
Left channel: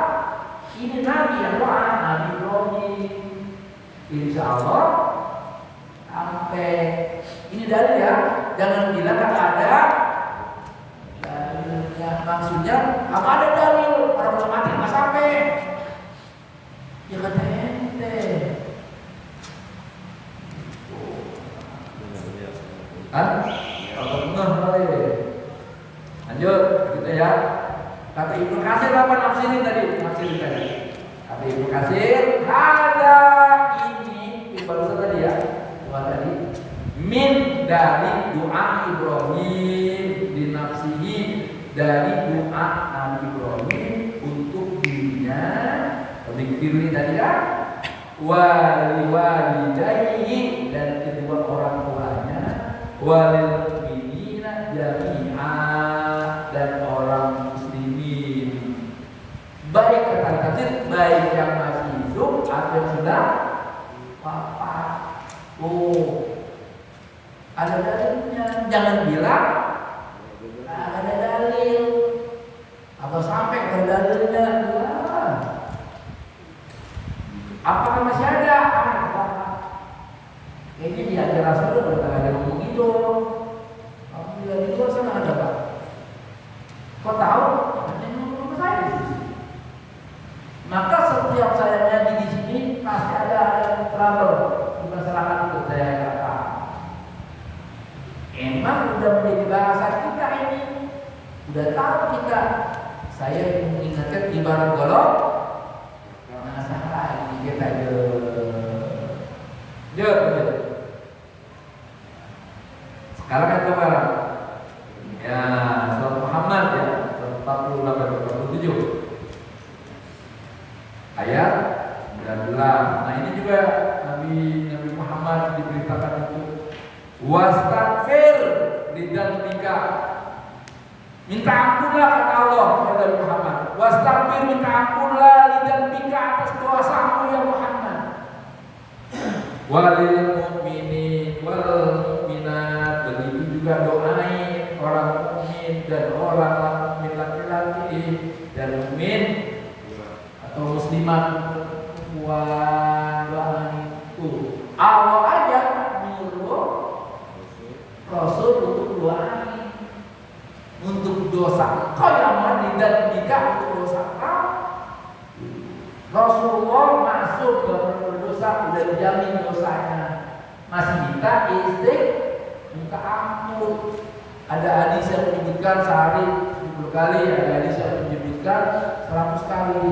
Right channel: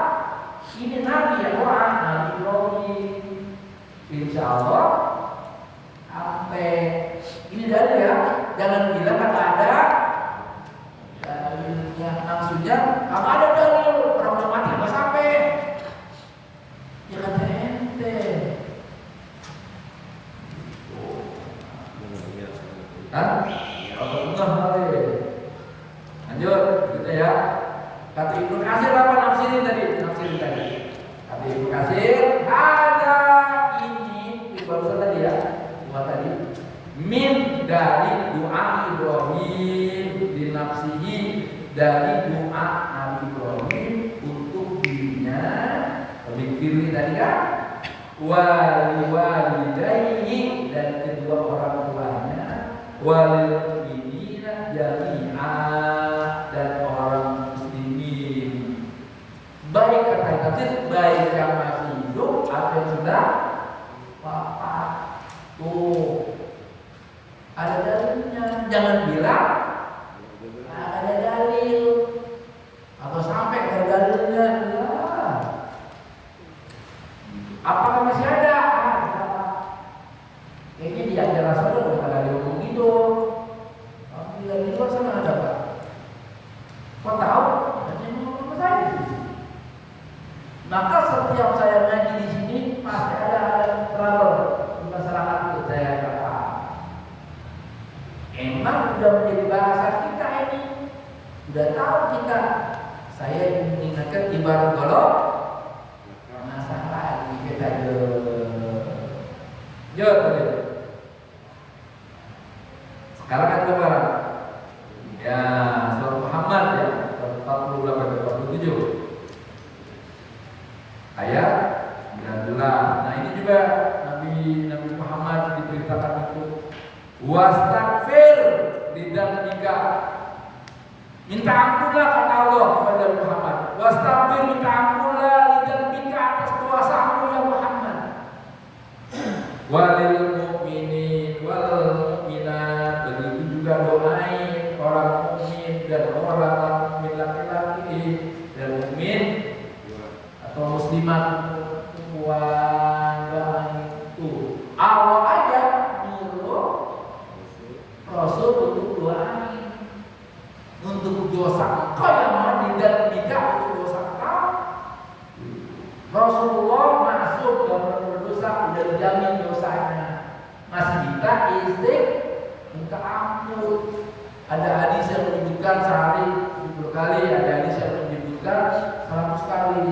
Ini Nabi yang doa, Nabi Ibrahim. Insya Allah sampai ini dalil ya. Jangan bilang kan ada dalilnya. Maksudnya apa ada dalil orang udah mati nggak sampai. Ya kata ente. Kan? Kalau enggak boleh. Lanjut kita ya. Kata Ibnu Katsir apa nafsirin tadi? Kata Ibnu Katsir ada ini barusan tadi ya. Doa tadi min dari doa Ibrahim di nafsihi, dari doa Nabi Ibrahim untuk dirinya. Mikirni tadi kan waliwalidayhi dan kedua orang tuanya, walil mu'minina jami'a dan orang muslimin. Baik kata tafsir, baik yang masih hidup atau yang sudah wafat. Oh, ada dalilnya. Jangan bilang ada dalil atau sampai ada dalilnya. Apakah masih ada? Kayaknya di ajaran Rasul udah ada yang ngomong gitu. Aku lihat di luar sana ada Pak. Kau tahu? Ada yang ngomong saya di sini. Maka setiap saya ngaji di sini pasti ada yang terlalu di masyarakat itu saya kata. Emang udah menjadi bahasa kita ini. Udah tahu kita. Saya mengingatkan ibarat golok. Masalah kita jauh. Wastaghfir lidzambika. Minta ampunlah kata Allah kepada Muhammad. Wastaghfir, minta ampunlah lidzambika atas dosamu ya Muhammad. Walil mu'minin wal mu'minat, begitu juga doain orang mukmin dan orang mukmin laki-laki dan mukmin atau muslimat perempuan. Itu Allah aja nyuruh Rasul untuk doain untuk dosa kau yang mati dan tidak untuk dosa kau. Rasulullah masuk gak pernah berdosa, udah dijamin dosanya. Masih minta minta ampun. Ada hadis yang menyebutkan sehari 70 kali, ada hadis yang menyebutkan 100 kali.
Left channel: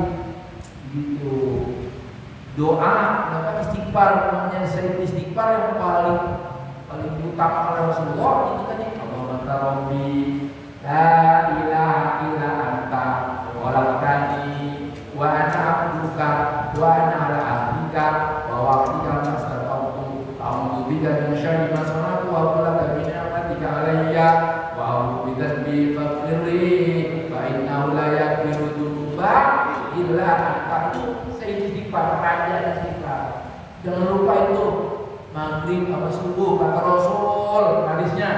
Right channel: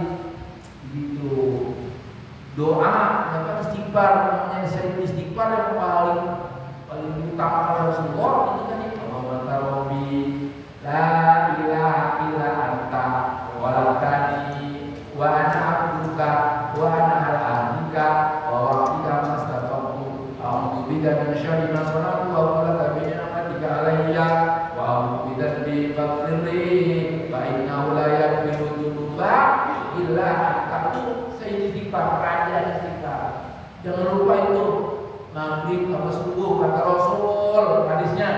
Gitu. Doa, apa istighfar, namanya sering istighfar yang paling utama pada Rasulullah itu kan yang Allahumma rabbi la ilaha illa anta walakani wa ana abduka wa ana ala ahdika wa wa'dika mastata'tu a'udzu bika min syarri ma sana'tu wa a'udzu bika min ni'matika alayya wa a'udzu bidzanbi faghfirli fa innahu la yaghfiru dzunuba illa anta. Itu istighfar, raja istighfar. Jangan lupa itu maghrib apa subuh kata Rasul hadisnya,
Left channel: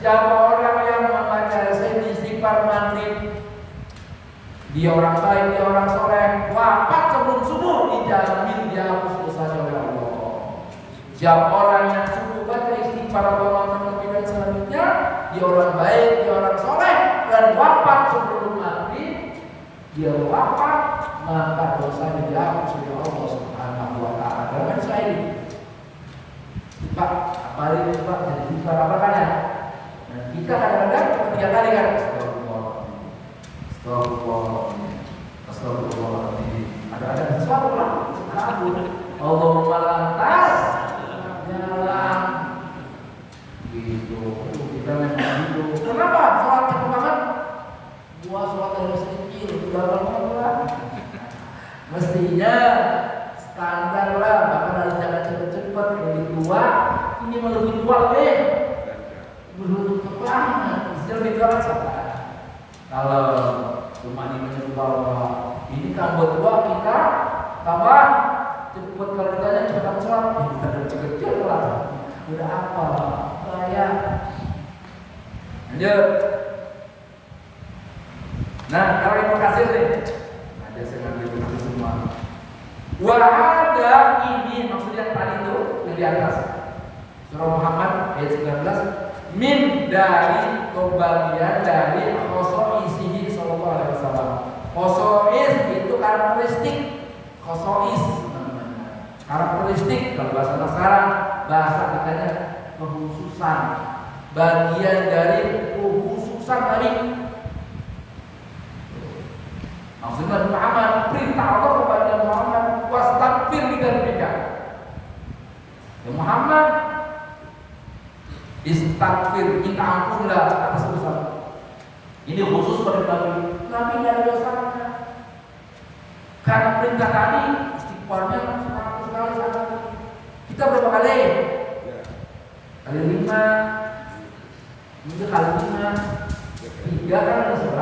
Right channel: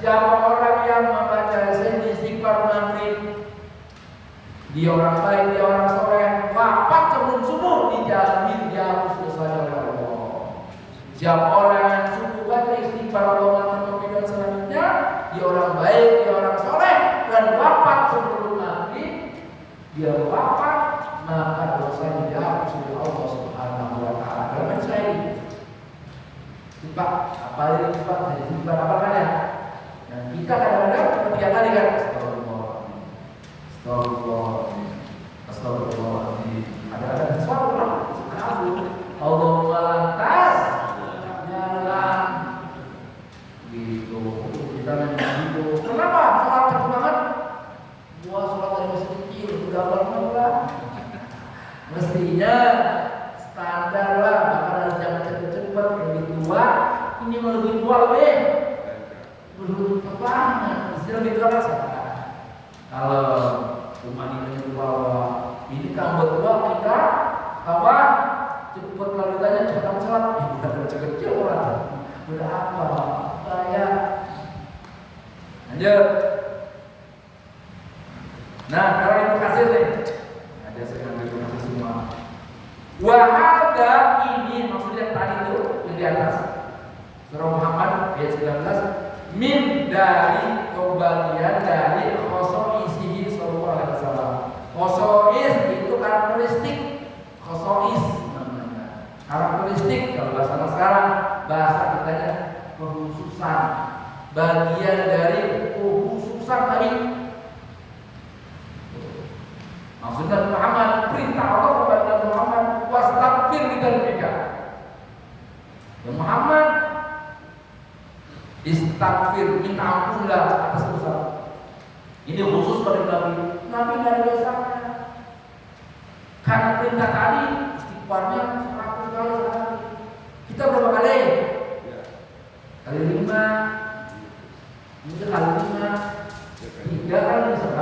siapa orang yang membaca istighfar maghrib, dia orang baik, dia orang soleh, wafat sebelum subuh dijamin dihapus dosanya oleh Allah. Siapa orang yang subuh baca istighfar Allahumma dan selanjutnya, dia orang baik, dia orang soleh dan wafat sebelum maghrib, dia wafat maka dosanya dihapus oleh Allah Subhanahu wa taala. Dalam saya Pak, apalagi Pak, jadi kita apa ya? Nah, kita kadang-kadang cuma 3 kali kan? Astagfirullah, astagfirullah. Ada sesuatu lah. Allahumma lantas, jalan. Gitu. Kita memang gitu. Kenapa? Sholat cepet banget. Gua sholat dari masih kecil, udah banget. Mestinya standar lah, bahkan harus jangan cepet-cepet lebih tua. Ini mau lebih tua lebih belum banget. Istilah lebih tua kan salah. Kalau cuma ini bahwa ini tambah tua kita kawan cepet, kalau ditanya cepet sholat, kita kecil-kecil lah. Udah apa? Kayak lanjut. Nah, kalau yang kasih nih, ada sengaja itu semua. Wahada ini maksudnya tadi itu yang di atas surah Muhammad ayat 19, min dari kebagian dari khosoisihi sallallahu alaihi wasallam. Khosois itu karakteristik, khosois namanya. Karakteristik kalau bahasa sekarang bahasa kitanya kekhususan, bagian dari kekhususan tadi. Maksudnya Muhammad, perintah Allah kepada Muhammad, wastaghfir lidzambika. Ya Muhammad, istaghfir, minta ampunlah atas dosa. Ini khusus pada Nabi. Nabi tidak ada dosanya. Karena perintah tadi istighfarnya 100 kali sehari. Kita berapa kali? Kali 5. Ini kali 5. 3 kali sehari.